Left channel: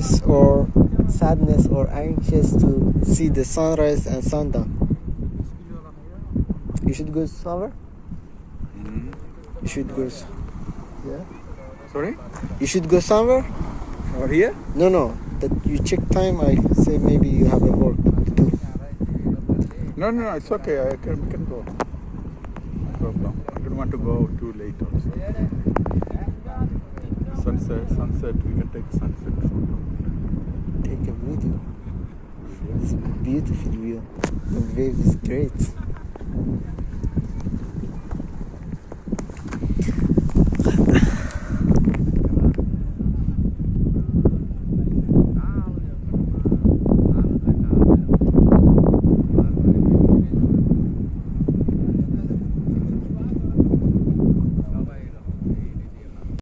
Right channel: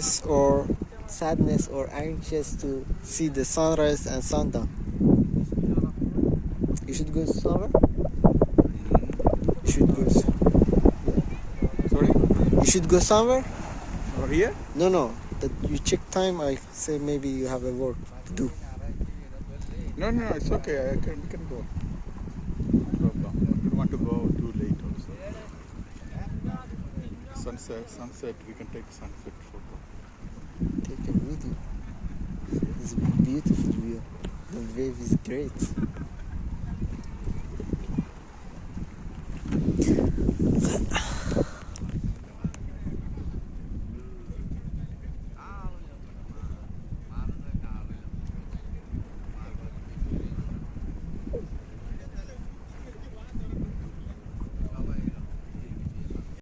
stress or sadness or anxious to see the sunrise and sundown? You should go somewhere? You should go. Sorry? You should go somewhere? Over here? No. That you check time. I say maybe you have a work to do. No, it's okay. I can go. No problem. I don't want to go too late also. Sunset, we can take sunset photo. Take a video. It's a beautiful view. The wave is great.